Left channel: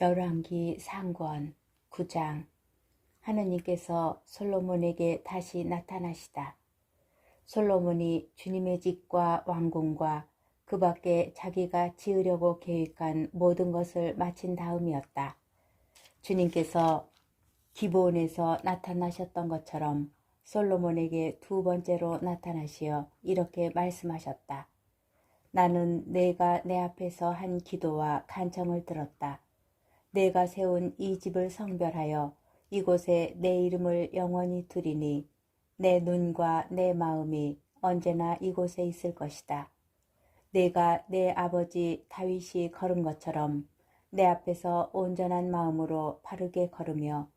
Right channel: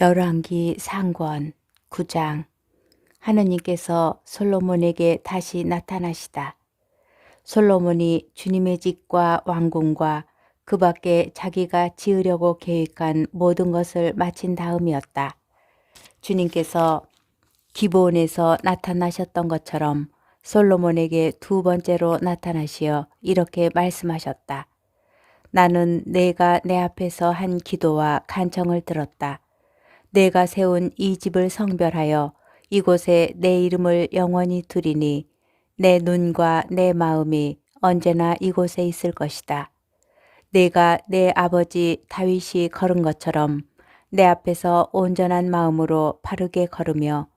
열왕기 상권 9장. 하느님께서 솔로몬에게 다시 나타나시다. 솔로몬이 주님의 집과 왕궁과 그 밖에 자기가 지으려고 계획한 모든 것을 마친 다음이었다. 주님께서 기브온에서 나타나셨던 것처럼 솔로몬에게 두 번째로 나타나시어 이렇게 말씀하셨다. 나는 내가 내 앞에서 한 기도와 간청을 들었다. 내가 세운 이 집을 성별하여 이곳에 내 이름을 영원히 두리니 내 눈과 내 마음이 언제나 이곳에 있을 것이다. 내가 내 아버지 다윗이 걸은 것처럼 내 앞에서 온전한 마음으로 바르게 걸으며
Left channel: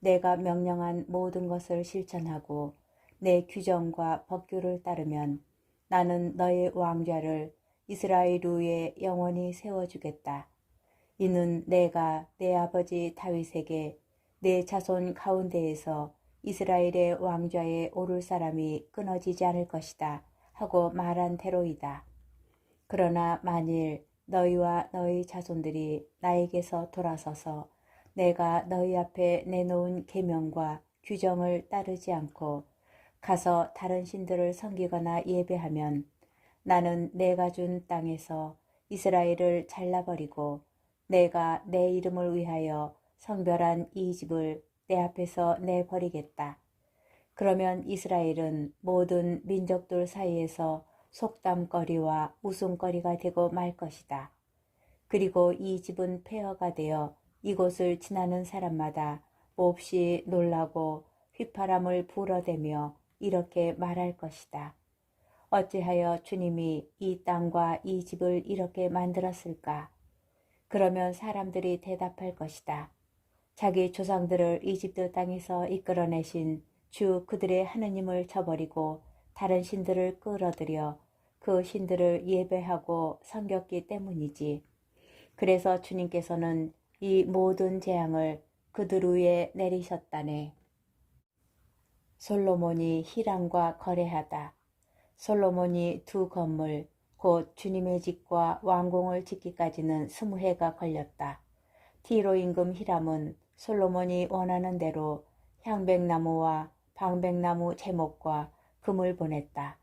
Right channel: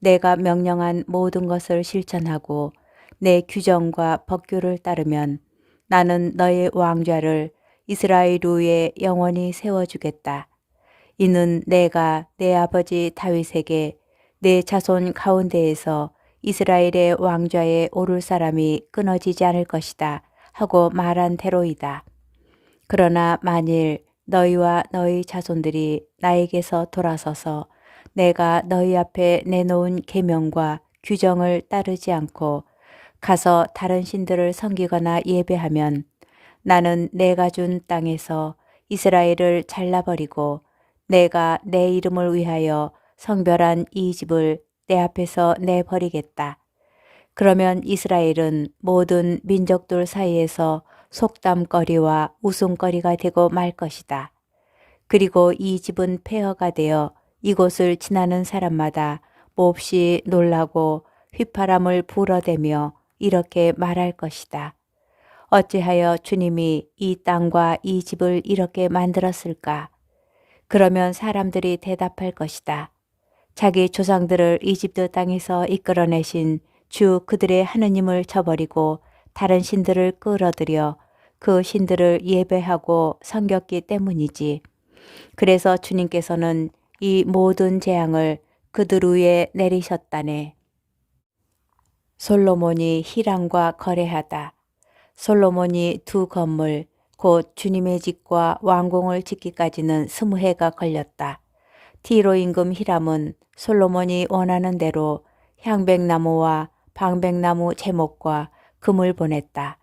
내가 명령한 모든 것을 실천하고 내 규정과 법규를 따르면 나는 너의 왕좌를 이스라엘 위에 영원히 세워주겠다. 이는 내가 내 아버지 다윗에게 내 자손 가운데에서 이스라엘의 왕좌에 오를 사람이 끊어지지 않을 것이다 하고 말한 대로이다. 그러나 만일 너희와 너희 자손들이 나에게서 돌아서서 내가 너희 앞에 내놓은 계명과 규정을 따르지 않고 가서 다른 신들을 섬기거나 예배하면 나는 내가 준 땅에서 이스라엘을 잘라버리고 내가 내 이름을 위하여 성별한 이 집을 내 앞에서 내버리겠다. 그러면 이스라엘은 모든 민족들 사이에서 속담거리와 웃음거리가 되고 말 것이다. 그리고 이 집은 폐허가 되어 이곳을 지나는 사람마다 몹시 놀라고 휘파람을 불어대며 이렇게 말할 것이다. 어찌하여 주님이 이 땅과 이 집을 이렇게 만들었을까? 그러면 사람들이 대답할 것이다. 자기 조상들을 이집트 땅에서 이끌어내신 주 그들의 하느님을 저버리고 다른 신들을 끌어들여 그 신들을 예배하고 섬겼기 때문이지. 그래서 주님께서는 이 모든 재앙을 그들 위에 내리셨다네. 솔로몬이 히람과 거래하다. 솔로몬이 두 건물 곧 주님의 집과 왕궁을 짓기까지는 20해가 걸렸다. 티로 임금 히람은 솔로몬이 원하는 대로 향백나무와 방백나무 제목과 금을 보냈다.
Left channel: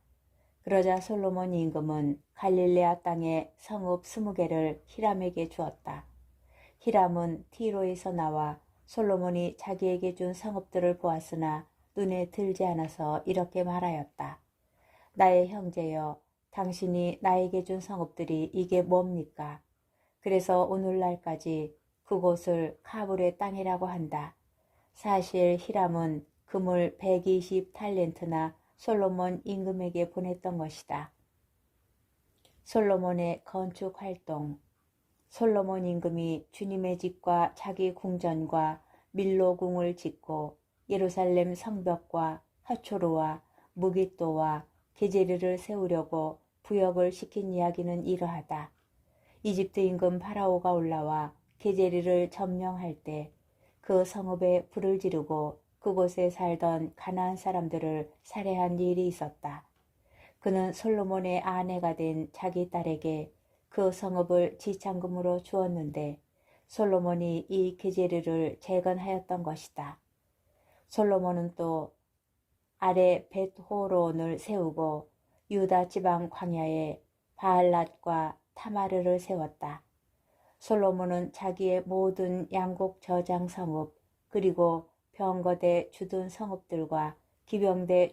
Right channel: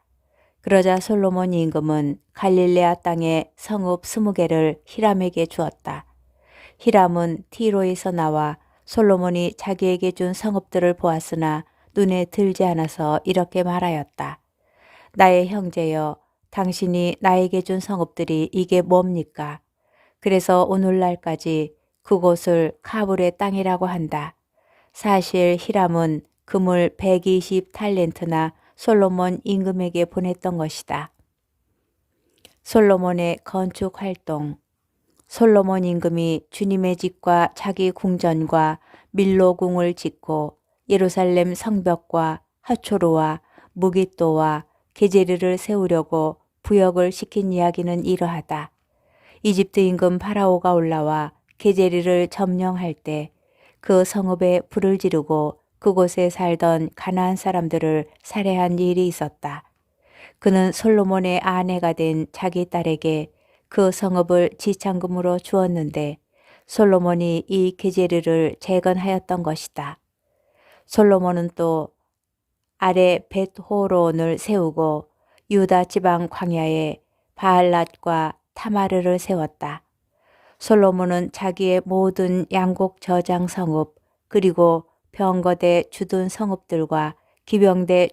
그러자 솔로몬 임금은 갈릴레아 땅에 성읍 20개를 히람에게 주었다. 히람은 티로에서 나와 솔로몬이 자기에게 준 성읍들을 보았으나 눈에 들지 않아서 이렇게 말하였다. 나의 형제여, 당신이 나에게 준 성읍들이 이게 뭡니까? 그래서 오늘날까지 그곳을 카불의 땅이라고 한다. 사실 히람은 금을 120탈렌트나 솔로몬 임금에게 보냈던 것이다. 솔로몬의 건축 활동. 솔로몬 임금이 주님의 집과 자기 궁전과 밀로궁을 짓고 예루살렘 성벽과 하초로와 무깃도와 게제르를 세우려고 부역을 시킨 이야기는 이러하다. 이집트 임금 파라오가 올라와 게제르를 점령할 때 그 성읍에 불을 지르고 그곳에 살던 가나안 사람들을 살해한 일이 있었다. 그는 솔로몬의 아내가 된 자기 딸에게 그 성읍을 지참금으로 주었는데 솔로몬이 이 게제르를 재건하였던 것이다. 솔로몬은 또 아래 벳호론을 세우고 유다 지방 광야에 바알랏과 타마르를 세웠다. 솔로몬은 자기의 모든 양곡 저장 성읍 그리고 병거대 주둔 성읍들과 기병대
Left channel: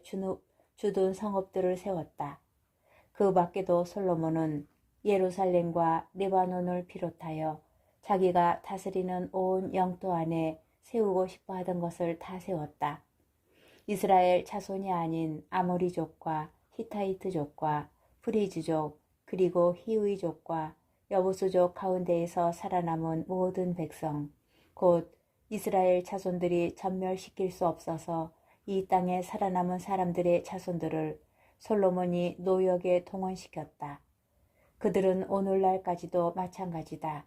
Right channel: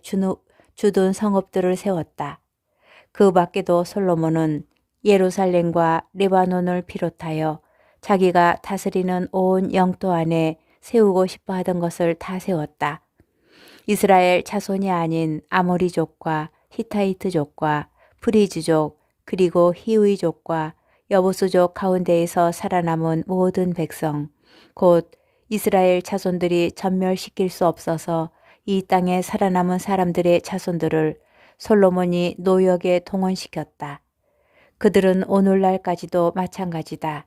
주둔 성읍들을 세웠다. 그 밖에도 솔로몬은 예루살렘과 레바논을 비롯하여 자기가 다스리는 온 영토 안에 세우고 싶어 하던 것을 다 세웠다. 이스라엘 자손이 아닌 아모리족과 히타이트족과 프리즈족 그리고 히위족과 여부수족 가운데에서 살아남은 모든 백성 곧 이스라엘 자손들이 전멸시킬 수 없어서 이 땅에 살아남은 사람들의 자손들을 솔로몬이 노역에 동원시켰다. 그들은 오늘날까지도 마찬가지다.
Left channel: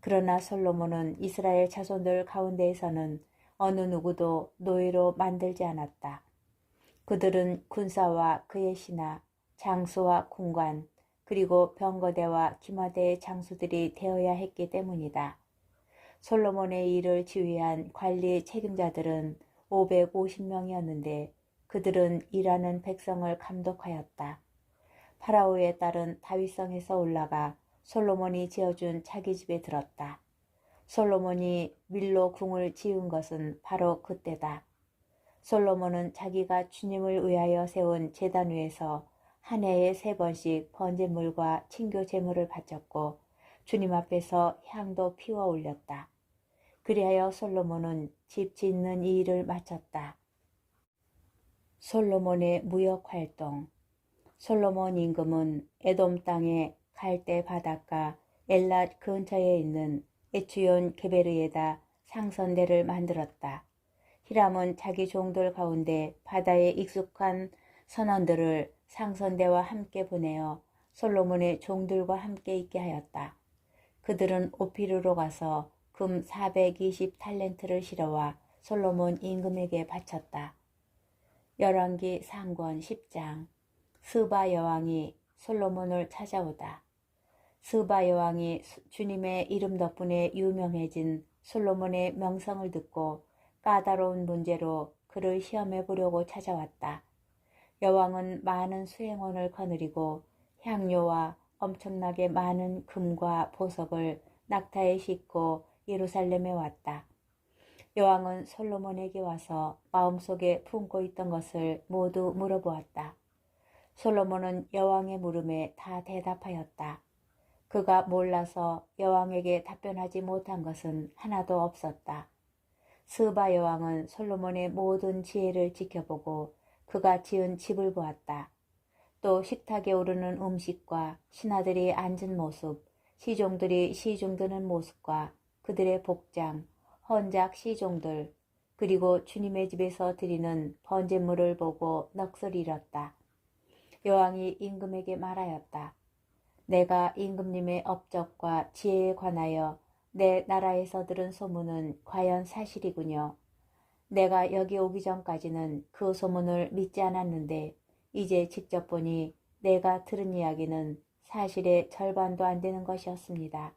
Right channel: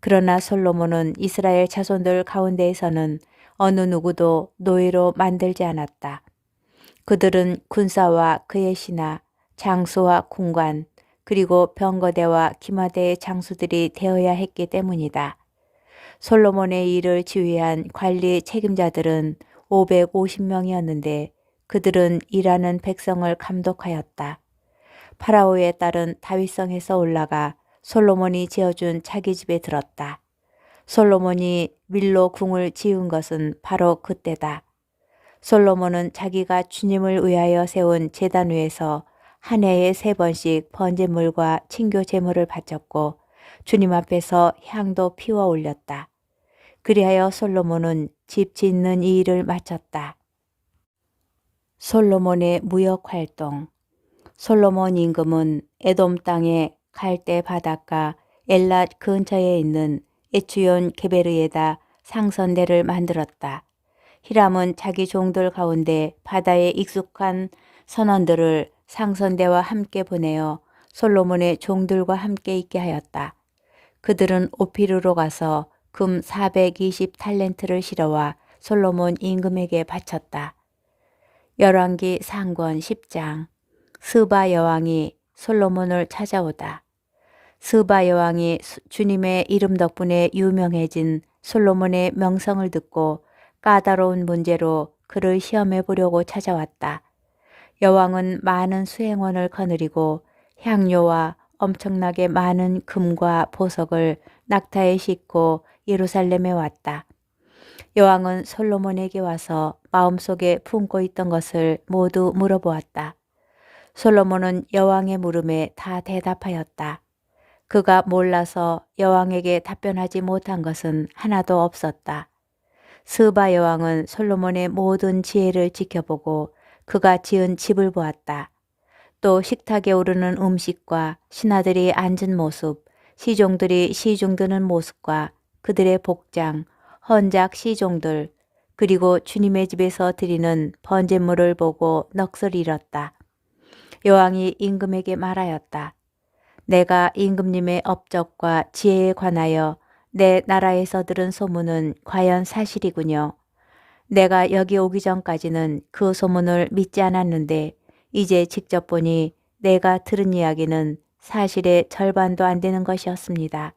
그러나 솔로몬은 이스라엘 자손들 가운데에서는 어느 누구도 노예로 만들지 않았다. 그들은 군사와 그의 신하, 장수와 군관, 그리고 병거대와 기마대의 장수들이 되어야 했기 때문이다. 솔로몬의 일을 지휘한 관리 책임자들은 550명이었는데 그들은 일하는 백성을 감독하였다. 파라오의 딸은 다윗성에서 올라가 솔로몬이 지어준 자기 집에 들었다. 솔로몬이 밀로 궁을 지은 것은 바로 그때다. 솔로몬은 자기가 주님을 위하여 세운 제단 위에서 한 해에 3번씩 번제물과 친교 제물을 바쳤고 주님 앞에서 향도 피워 올렸다. 그리하여 솔로몬은 집 짓는 이 일을 마쳤다. 솔로몬의 무역 활동. 솔로몬 임금은 에돔 땅의 갈대 바닷가 엘랏 근처에 있는 에츠온 게베르에다 상선대를 만들었다. 히람은 자기 종들 가운데 바다에 익숙한 선원들을 상선대와 함께 보내어 솔로몬의 종들과 함께 있게 하였다. 그들은 오피르로 가서 금 420탈렌트를 실어와 솔로몬 임금에게 바쳤다. 열왕기 상권 10장. 스바 여왕이 솔로몬을 찾아오다. 스바 여왕이 주님의 이름 덕분에 유명해진 솔로몬의 명성을 듣고 까다로운 문제로 그를 시험해 보려고 찾아왔다. 여왕은 많은 수행원을 거느리고 향료와 엄청나게 많은 금과 보석을 낙타에 싣고 예루살렘에 왔다. 여왕은 솔로몬에게 와서 마음속에 품고 있던 것을 모두 물어보았다. 솔로몬은 여왕의 물음에 다 대답하였다. 그가 몰라서 여왕에게 답변하지 못한 것은 하나도 없었다. 스바 여왕은 솔로몬의 모든 지혜를 지켜보고 그가 지은 집을 보았다. 또 식탁에 오르는 음식과 신하들이 앉은 모습, 시종들이 시중 드는 모습과 그들의 복장, 헌작 시종들, 그리고 주님의 집에서 드리는 번제물을 보고 넋을 잃었다. 여왕이 임금에게 말하였다. 내가 임금님의 업적과 지혜에 관하여 내 나라에서 들은 소문은 과연 사실이군요. 내가 여기 오기 전까지는 그 소문을 믿지 않았는데 이제 직접 보니 내가 들은 이야기는 사실의 절반도 안 되는 것이었습니다.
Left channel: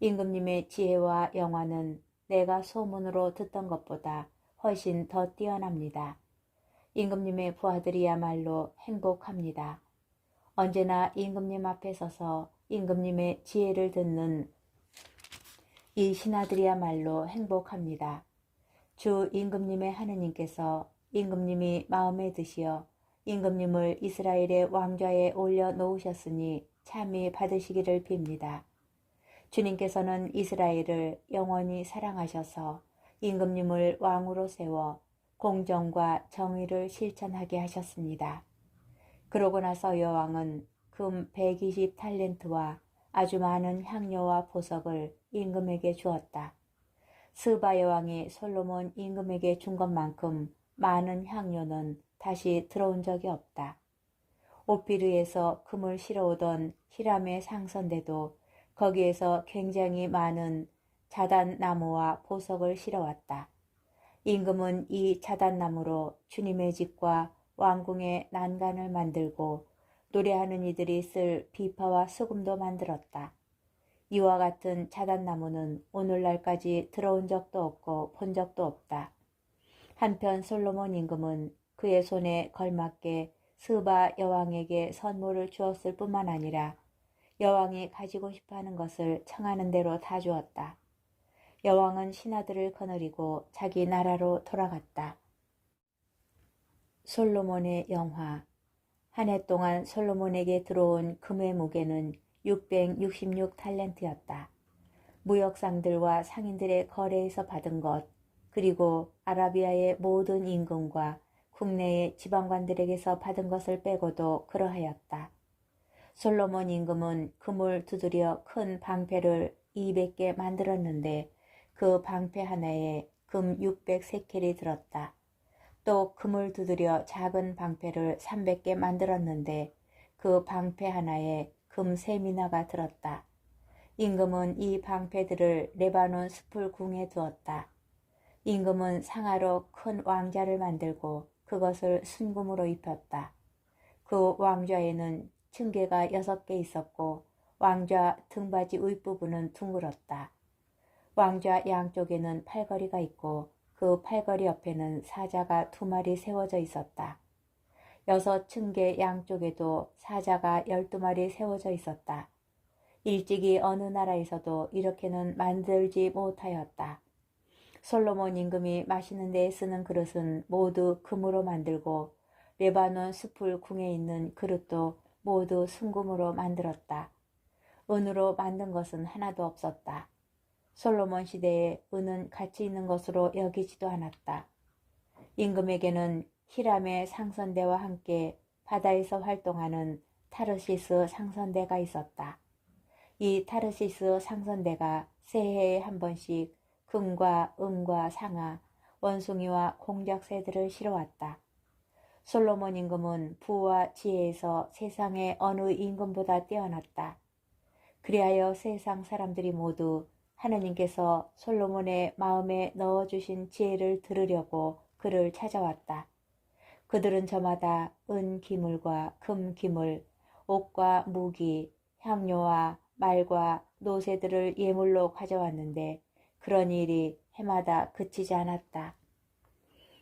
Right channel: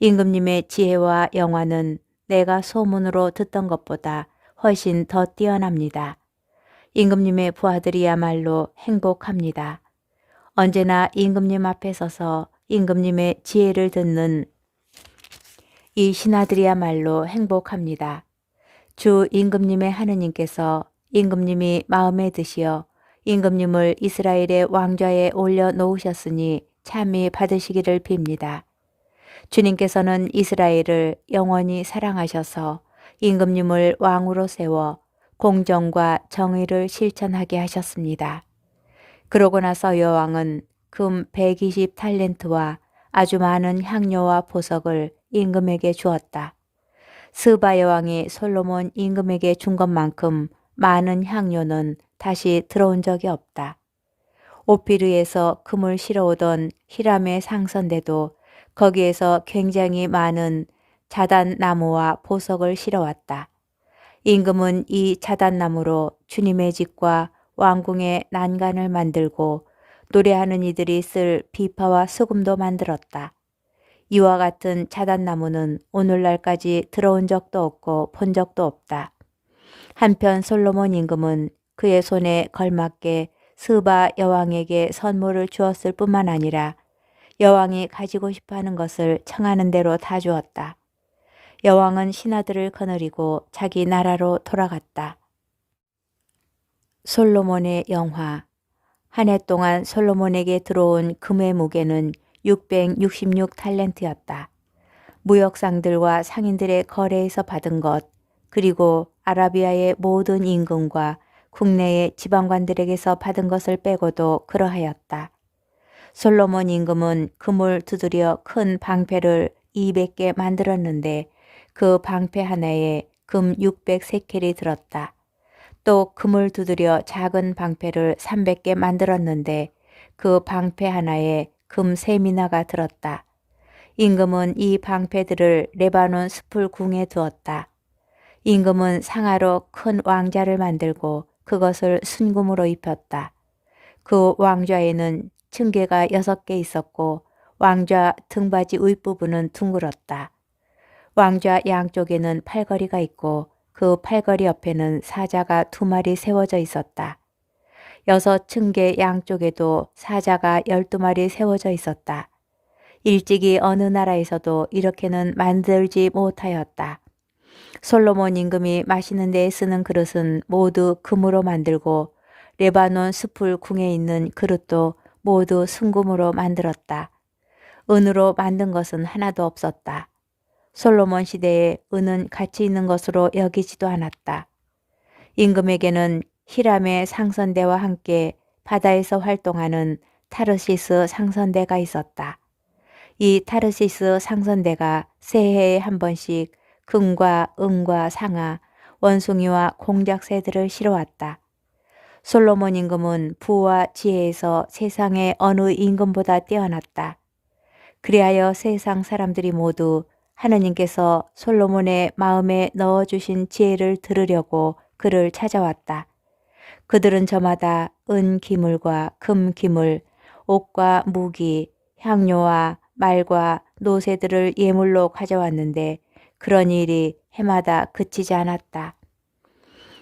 임금님의 지혜와 영화는 내가 소문으로 듣던 것보다 훨씬 더 뛰어납니다. 임금님의 부하들이야말로 행복합니다. 언제나 임금님 앞에 서서 임금님의 지혜를 듣는 이 신하들이야말로 행복합니다. 주 임금님의 하느님께서 임금님이 마음에 드시어 임금님을 이스라엘의 왕좌에 올려놓으셨으니 참히 받으시기를 빕니다. 주님께서는 이스라엘을 영원히 사랑하셔서 임금님을 왕으로 세워 공정과 정의를 실천하게 하셨습니다. 그러고 나서 여왕은 금 120탈렌트와 아주 많은 향료와 보석을 임금에게 주었다. 스바 여왕이 솔로몬 임금에게 준 것만큼 많은 향료는 다시 들어온 적이 없다. 오피르에서 금을 실어오던 히람의 상선대도 거기에서 굉장히 많은 자단나무와 보석을 실어왔다. 임금은 이 자단나무로 주님의 집과 왕궁의 난간을 만들고 노래하는 이들이 쓸 비파와 수금도 만들었다. 이와 같은 자단나무는 오늘날까지 들어온 적도 없고 본 적도 없다. 한편 솔로몬 임금은 그의 손에 걸맞게 스바 여왕에게 선물을 주었을 뿐만 아니라 여왕이 가지고 싶어하는 것을 청하는 대로 다 주었다. 여왕은 신하들을 거느리고 자기 나라로 돌아갔다. 솔로몬의 영화. 한 해 동안 솔로몬에게 들어온 금의 무게는 666탈렌트였다. 무역상들과 상인들의 거래에서 받은 것, 그리고 아라비아의 모든 임금과 국내의 지방관들에게서 받은 것을 빼고도 그러하였다. 솔로몬 임금은 금을 두드려 큰 방패를 200개 만들었는데 그 방패 하나에 금 600세켈이 들었다. 또 금을 두드려 작은 방패를 300개 만들었는데 그 방패 하나에 금 3미나가 들었다. 임금은 이 방패들을 레바논 숲을 궁에 두었다. 임금은 상하로 큰 왕자를 만들고 그것을 순금으로 입혔다. 그 왕좌에는 층계가 6개 있었고 왕좌 등받이 윗부분은 둥글었다. 왕좌 양쪽에는 팔걸이가 있고 그 팔걸이 옆에는 사자가 2마리 세워져 있었다. 6층계 양쪽에도 사자가 12마리 세워져 있었다. 일찍이 어느 나라에서도 이렇게는 만들지 못하였다. 솔로몬 임금이 마시는 데에 쓰는 그릇은 모두 금으로 만들고 레바논 숲을 궁에 있는 그릇도 모두 순금으로 만들었다. 은으로 만든 것은 하나도 없었다. 솔로몬 시대에 은은 가치 있는 것으로 여기지도 않았다. 임금에게는 히람의 상선대와 함께 바다에서 활동하는 타르시스 상선대가 있었다. 이 타르시스 상선대가 새해에 한 번씩 금과 은과 상아, 원숭이와 공작새들을 실어왔다. 솔로몬 임금은 부와 지혜에서 세상의 어느 임금보다 뛰어났다. 그리하여 세상 사람들이 모두 하느님께서 솔로몬의 마음에 넣어주신 지혜를 들으려고 그를 찾아왔다. 그들은 저마다 은 기물과 금 기물, 옷과 무기, 향료와 말과 노새들을 예물로 가져왔는데 그런 일이 해마다 그치지 않았다.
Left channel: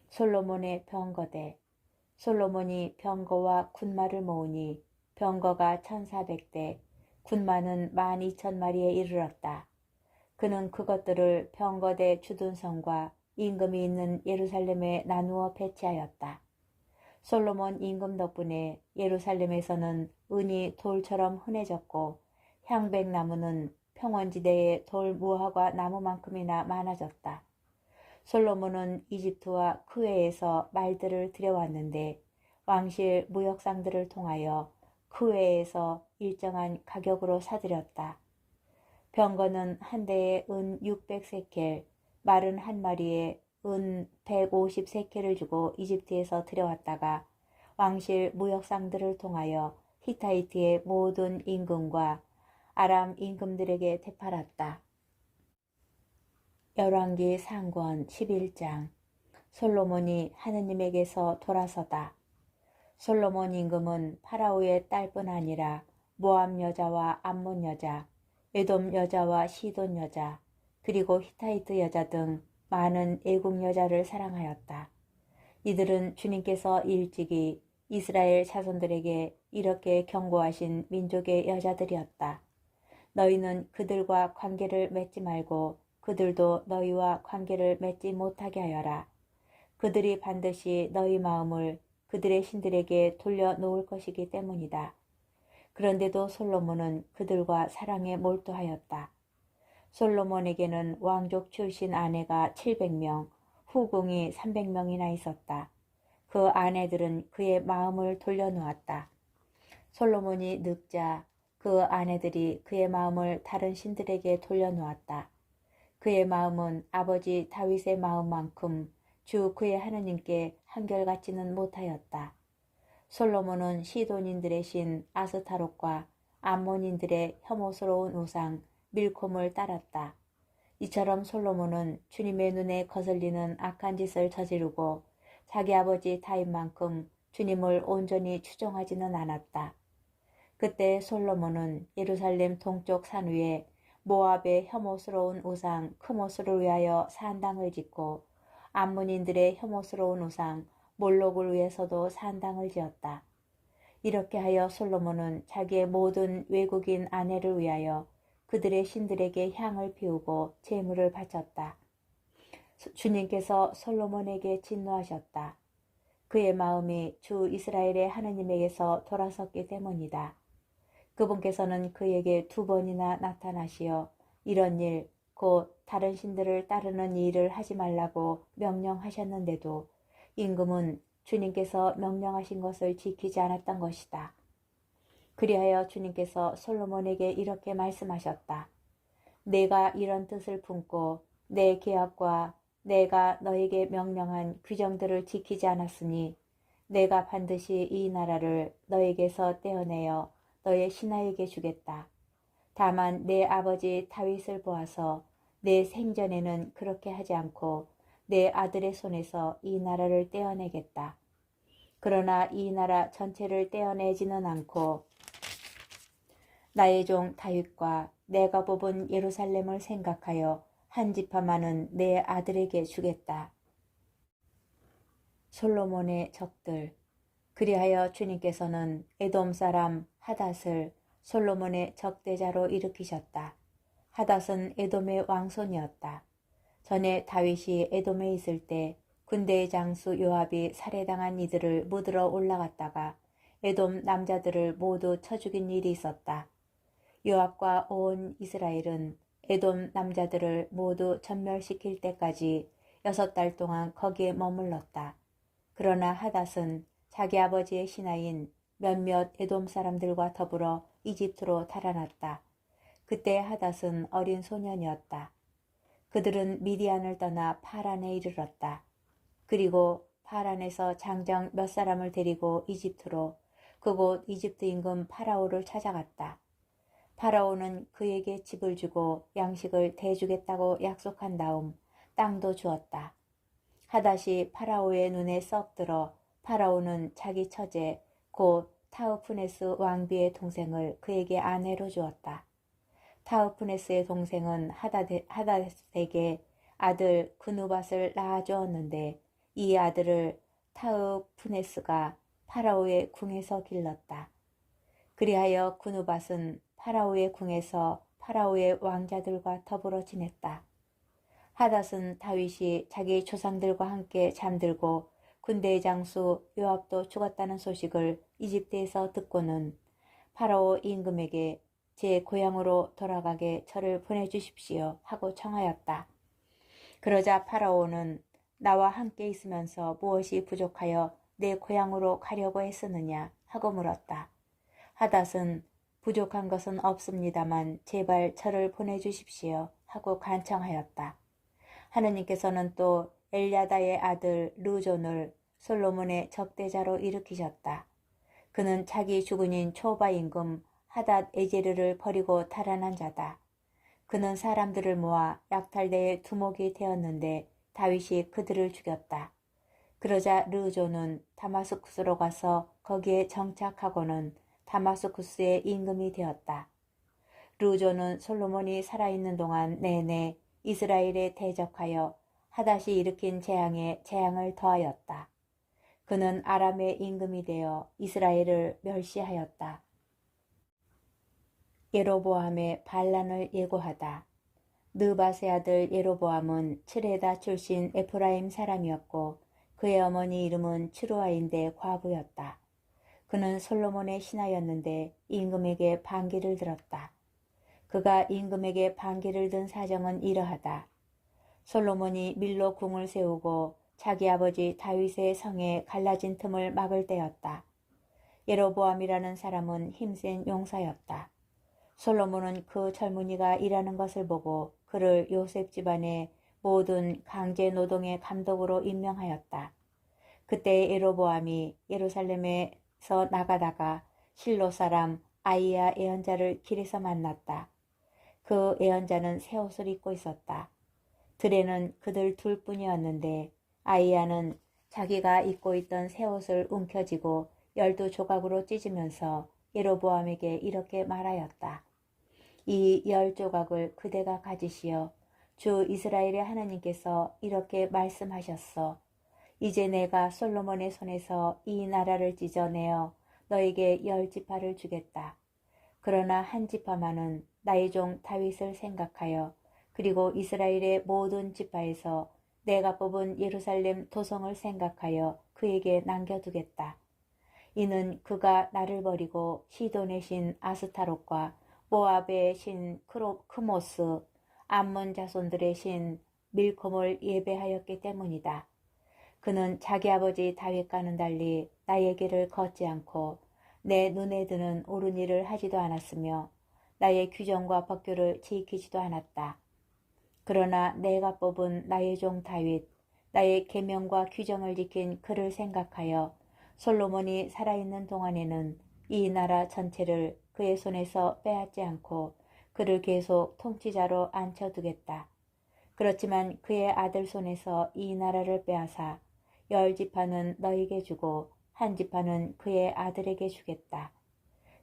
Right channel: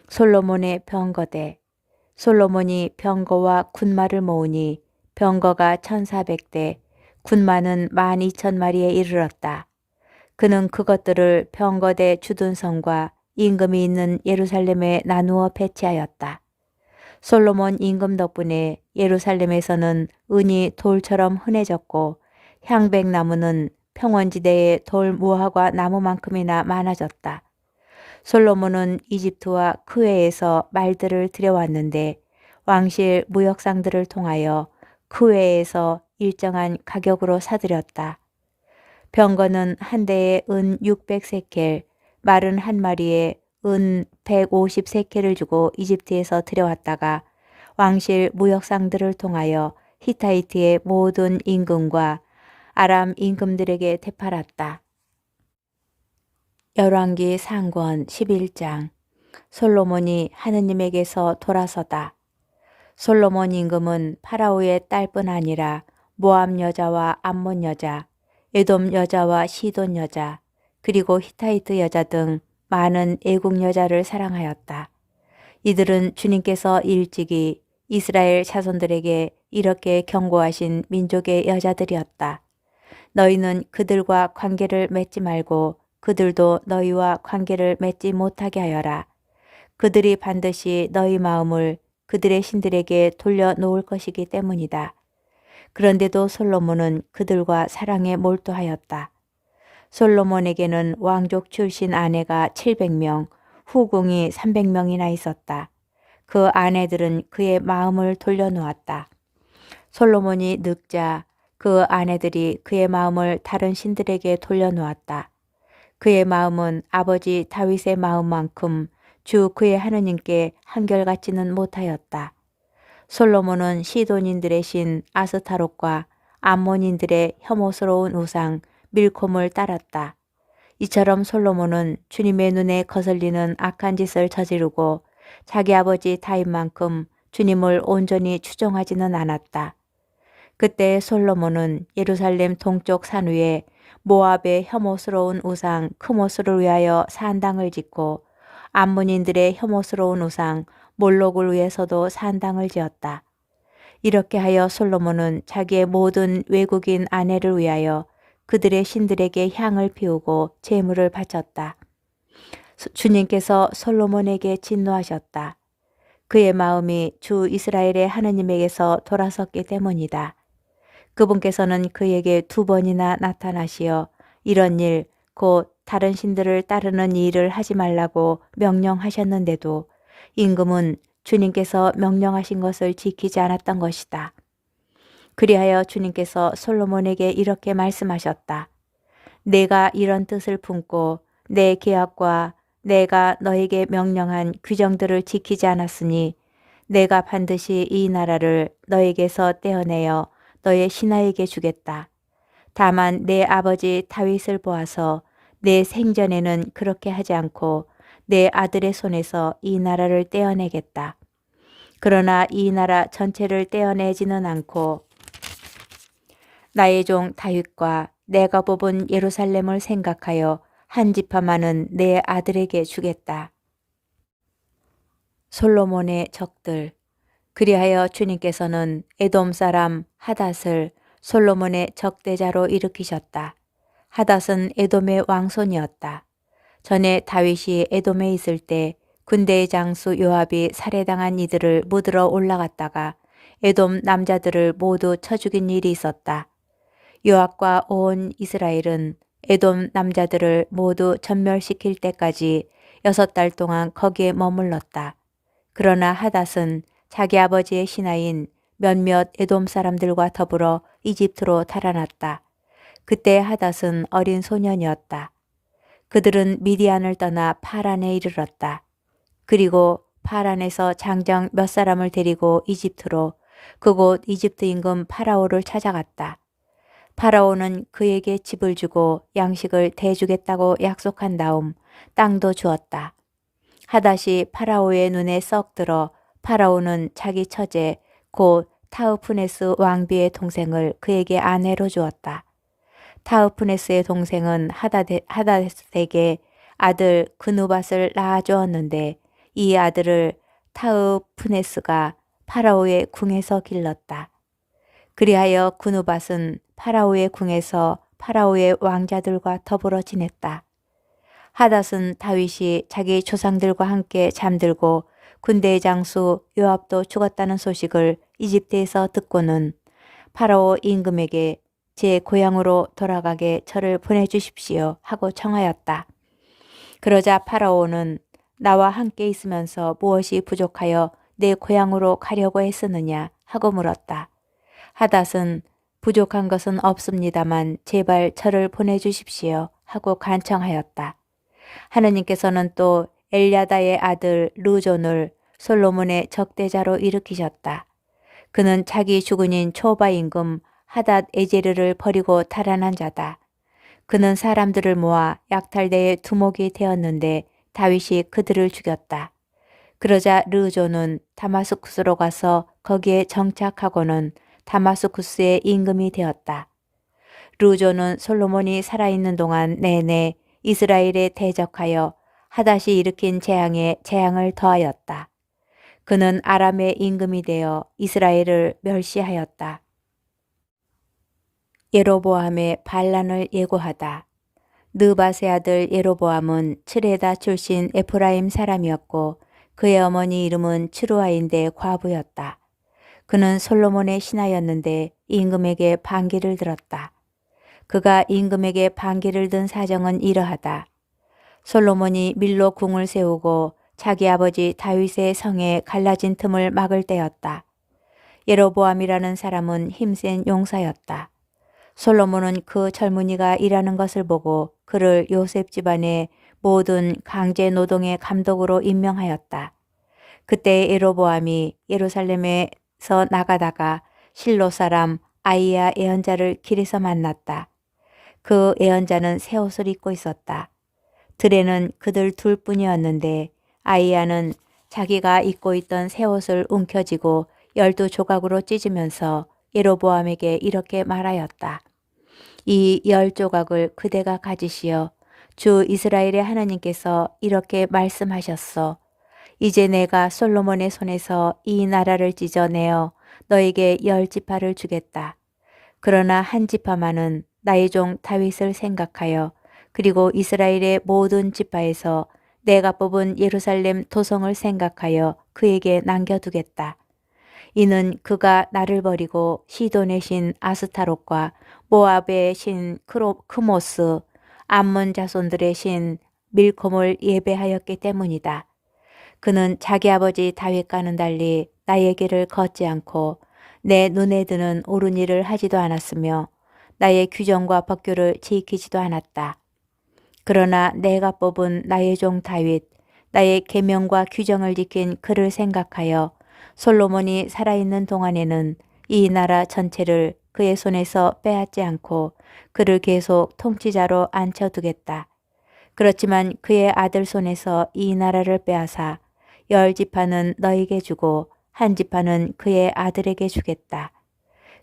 솔로몬의 병거대. 솔로몬이 병거와 군마를 모으니 병거가 1400대, 군마는 12,000마리에 이르렀다. 그는 그것들을 병거대 주둔성과 임금이 있는 예루살렘에 나누어 배치하였다. 솔로몬 임금 덕분에 예루살렘에서는 은이 돌처럼 흔해졌고 향백나무는 평원지대에 돌 무화과 나무만큼이나 많아졌다. 솔로몬은 이집트와 크웨에서 말들을 들여왔는데 왕실 무역상들을 통하여 크웨에서 일정한 가격으로 사들였다. 병거는 한 대에 은 600세켈, 말은 한 마리에 은 150세켈을 주고 이집트에서 들여왔다가 왕실 무역상들을 통하여 히타이트의 모든 임금과 아람 임금들에게 되팔았다. 열왕기 상권 11장. 솔로몬이 하느님에게서 돌아서다. 솔로몬 임금은 파라오의 딸뿐 아니라 모압 여자와 암몬 여자, 에돔 여자와 시돈 여자, 그리고 히타이트 여자 등 많은 애국 여자를 사랑하였다. 이들은 주님께서 일찍이 이스라엘 자손들에게 이렇게 경고하신 민족의 여자들이었다. 너희는 그들과 관계를 맺지 말고 그들도 너희와 관계를 맺지 못하게 하여라. 그들이 반드시 너희 마음을 그들의 신들에게 돌려놓을 것이기 때문이다. 그런데도 솔로몬은 그들과 사랑에 몰두하였다. 솔로몬에게는 왕족 출신 아내가 700명, 후궁이 300명이나 있었다. 그 아내들은 그의 마음을 돌려놓았다. 솔로몬이 늙자 그 아내들이 그의 마음을 다른 신들에게 돌려놓았다. 그의 마음은 아버지 다윗의 마음만큼 주 그의 하느님께 한결같지는 못하였다. 솔로몬은 시돈인들의 신 아스타롯과 암몬인들의 혐오스러운 우상 밀콤을 따랐다. 이처럼 솔로몬은 주님의 눈에 거슬리는 악한 짓을 저지르고 자기 아버지 다윗만큼 주님을 온전히 추종하지는 않았다. 그때 솔로몬은 예루살렘 동쪽 산 위에 모압의 혐오스러운 우상 크모스를 위하여 산당을 짓고 암몬인들의 혐오스러운 우상 몰록을 위해서도 산당을 지었다. 이렇게 하여 솔로몬은 자기의 모든 외국인 아내를 위하여 그들의 신들에게 향을 피우고 제물을 바쳤다. 주님께서 솔로몬에게 진노하셨다. 그의 마음이 주 이스라엘의 하느님에게서 돌아섰기 때문이다. 그분께서는 그에게 2번이나 나타나시어 이런 일, 곧 다른 신들을 따르는 일을 하지 말라고 명령하셨는데도 임금은 주님께서 명령하신 것을 지키지 않았던 것이다. 그리하여 주님께서 솔로몬에게 이렇게 말씀하셨다. 내가 이런 뜻을 품고 내 계약과 내가 너에게 명령한 규정들을 지키지 않았으니 내가 반드시 이 나라를 너에게서 떼어내어 너의 신하에게 주겠다. 다만 내 아버지 다윗을 보아서 내 생전에는 그렇게 하지 않고 내 아들의 손에서 이 나라를 떼어내겠다. 그러나 이 나라 전체를 떼어내지는 않고 나의 종 다윗과 내가 뽑은 예루살렘을 생각하여 한 지파만은 내 아들에게 주겠다. 솔로몬의 적들. 그리하여 주님께서는 에돔 사람 하닷을 솔로몬의 적대자로 일으키셨다. 하닷은 에돔의 왕손이었다. 전에 다윗이 에돔에 있을 때 군대의 장수 요압이 살해당한 이들을 묻으러 올라갔다가 에돔 남자들을 모두 쳐 죽인 일이 있었다. 요압과 온 이스라엘은 에돔 남자들을 모두 전멸시킬 때까지 6달 동안 거기에 머물렀다. 그러나 하닷은 자기 아버지의 신하인 몇몇 에돔 사람들과 더불어 이집트로 달아났다. 그때 하닷은 어린 소년이었다. 그들은 미디안을 떠나 파란에 이르렀다. 그리고 파란에서 장정 몇 사람을 데리고 이집트로 그곳 이집트 임금 파라오를 찾아갔다. 파라오는 그에게 집을 주고 양식을 대주겠다고 약속한 다음 땅도 주었다. 하닷이 파라오의 눈에 썩 들어 파라오는 자기 처제 곧 타흐푸네스 왕비의 동생을 그에게 아내로 주었다. 타흐푸네스의 동생은 하닷에게 아들 그누밧을 낳아주었는데 이 아들을 타흐푸네스가 파라오의 궁에서 길렀다. 그리하여 그누밧은 파라오의 궁에서 파라오의 왕자들과 더불어 지냈다. 하닷은 다윗이 자기 조상들과 함께 잠들고 군대의 장수 요압도 죽었다는 소식을 이집트에서 듣고는 파라오 임금에게 제 고향으로 돌아가게 저를 보내주십시오 하고 청하였다. 그러자 파라오는 나와 함께 있으면서 무엇이 부족하여 내 고향으로 가려고 했었느냐 하고 물었다. 하닷은 부족한 것은 없습니다만 제발 저를 보내주십시오 하고 간청하였다. 하느님께서는 또 엘야다의 아들 르존을 솔로몬의 적대자로 일으키셨다. 그는 자기 주군인 초바 임금 하닷 에제르를 버리고 달아난 자다. 그는 사람들을 모아 약탈대의 두목이 되었는데 다윗이 그들을 죽였다. 그러자 르존은 다마스쿠스로 가서 거기에 정착하고는 다마스쿠스의 임금이 되었다. 르존은 솔로몬이 살아있는 동안 내내 이스라엘에 대적하여 하닷이 일으킨 재앙에 재앙을 더하였다. 그는 아람의 임금이 되어 이스라엘을 멸시하였다. 예로보암의 반란을 예고하다. 느밧의 아들 예로보암은 츠레다 출신 에프라임 사람이었고 그의 어머니 이름은 츠루아인데 과부였다. 그는 솔로몬의 신하였는데 임금에게 반기를 들었다. 그가 임금에게 반기를 든 사정은 이러하다. 솔로몬이 밀로 궁을 세우고 자기 아버지 다윗의 성에 갈라진 틈을 막을 때였다. 예로보암이라는 사람은 힘센 용사였다. 솔로몬은 그 젊은이가 일하는 것을 보고 그를 요셉 집안의 모든 강제 노동의 감독으로 임명하였다. 그때 예로보암이 예루살렘에서 나가다가 실로 사람 아이야 예언자를 길에서 만났다. 그 예언자는 새 옷을 입고 있었다. 들에는 그들 둘뿐이었는데 아이야는 자기가 입고 있던 새 옷을 움켜쥐고 12조각으로 찢으면서 예로보암에게 이렇게 말하였다. 이 10조각을 그대가 가지시어 주 이스라엘의 하나님께서 이렇게 말씀하셨소. 이제 내가 솔로몬의 손에서 이 나라를 찢어내어 너에게 10지파를 주겠다. 그러나 한 지파만은 나의 종 다윗을 생각하여 그리고 이스라엘의 모든 지파에서 내가 뽑은 예루살렘 도성을 생각하여 그에게 남겨두겠다. 이는 그가 나를 버리고 시돈의 신 아스타롯과 모압의 신 크모스, 암몬 자손들의 신 밀콤을 예배하였기 때문이다. 그는 자기 아버지 다윗과는 달리 나의 길을 걷지 않고 내 눈에 드는 옳은 일을 하지도 않았으며 나의 규정과 법규를 지키지도 않았다. 그러나 내가 뽑은 나의 종 다윗, 나의 계명과 규정을 지킨 그를 생각하여 솔로몬이 살아있는 동안에는 이 나라 전체를 그의 손에서 빼앗지 않고 그를 계속 통치자로 앉혀두겠다. 그렇지만 그의 아들 손에서 이 나라를 빼앗아 10지파는 너에게 주고 한 지파는 그의 아들에게 주겠다.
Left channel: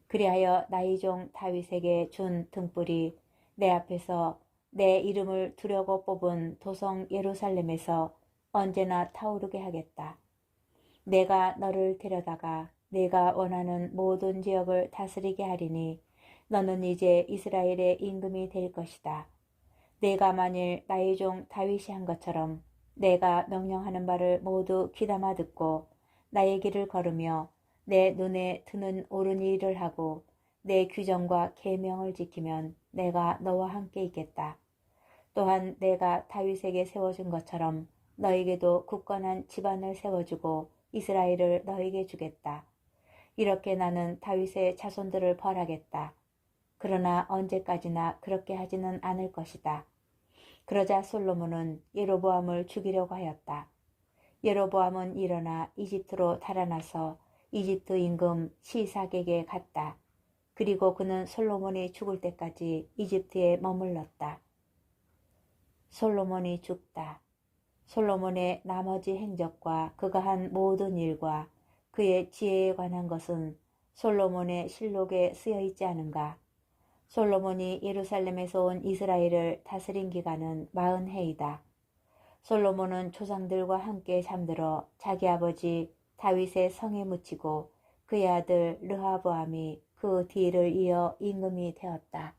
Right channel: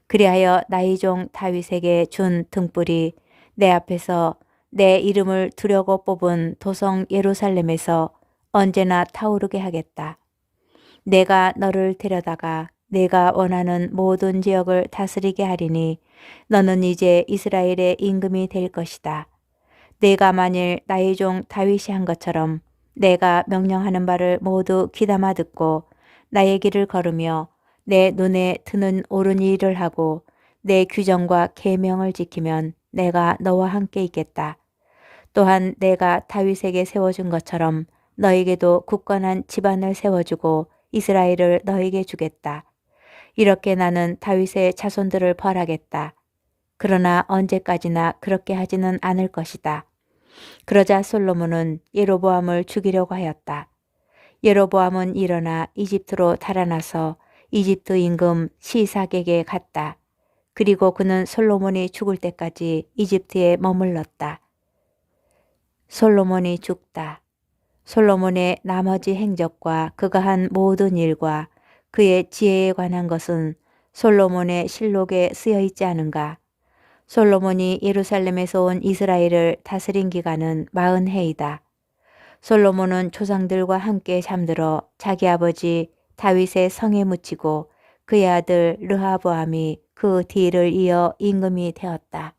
그리하여 나의 종 다윗에게 준 등불이 내 앞에서 내 이름을 두려고 뽑은 도성 예루살렘에서 언제나 타오르게 하겠다. 내가 너를 데려다가 내가 원하는 모든 지역을 다스리게 하리니 너는 이제 이스라엘의 임금이 될 것이다. 내가 만일 나의 종 다윗이 한 것처럼 내가 명령하는 바를 모두 귀담아 듣고 나의 길을 걸으며 내 눈에 드는 옳은 일을 하고 내 규정과 계명을 지키면 내가 너와 함께 있겠다. 또한 내가 다윗에게 세워준 것처럼 너에게도 굳건한 집안을 세워주고 이스라엘을 너에게 주겠다. 이렇게 나는 다윗의 자손들을 벌하겠다. 그러나 언제까지나 그렇게 하지는 않을 것이다. 그러자 솔로몬은 예로보암을 죽이려고 하였다. 예로보암은 일어나 이집트로 달아나서 이집트 임금 시삭에게 갔다. 그리고 그는 솔로몬이 죽을 때까지 이집트에 머물렀다. 솔로몬이 죽다. 솔로몬의 나머지 행적과 그가 한 모든 일과 그의 지혜에 관한 것은 솔로몬의 실록에 쓰여 있지 않은가? 솔로몬이 예루살렘에서 온 이스라엘을 다스린 기간은 40해이다. 솔로몬은 조상들과 함께 잠들어 자기 아버지 다윗의 성에 묻히고 그의 아들 르하보암이 그 뒤를 이어 임금이 되었다.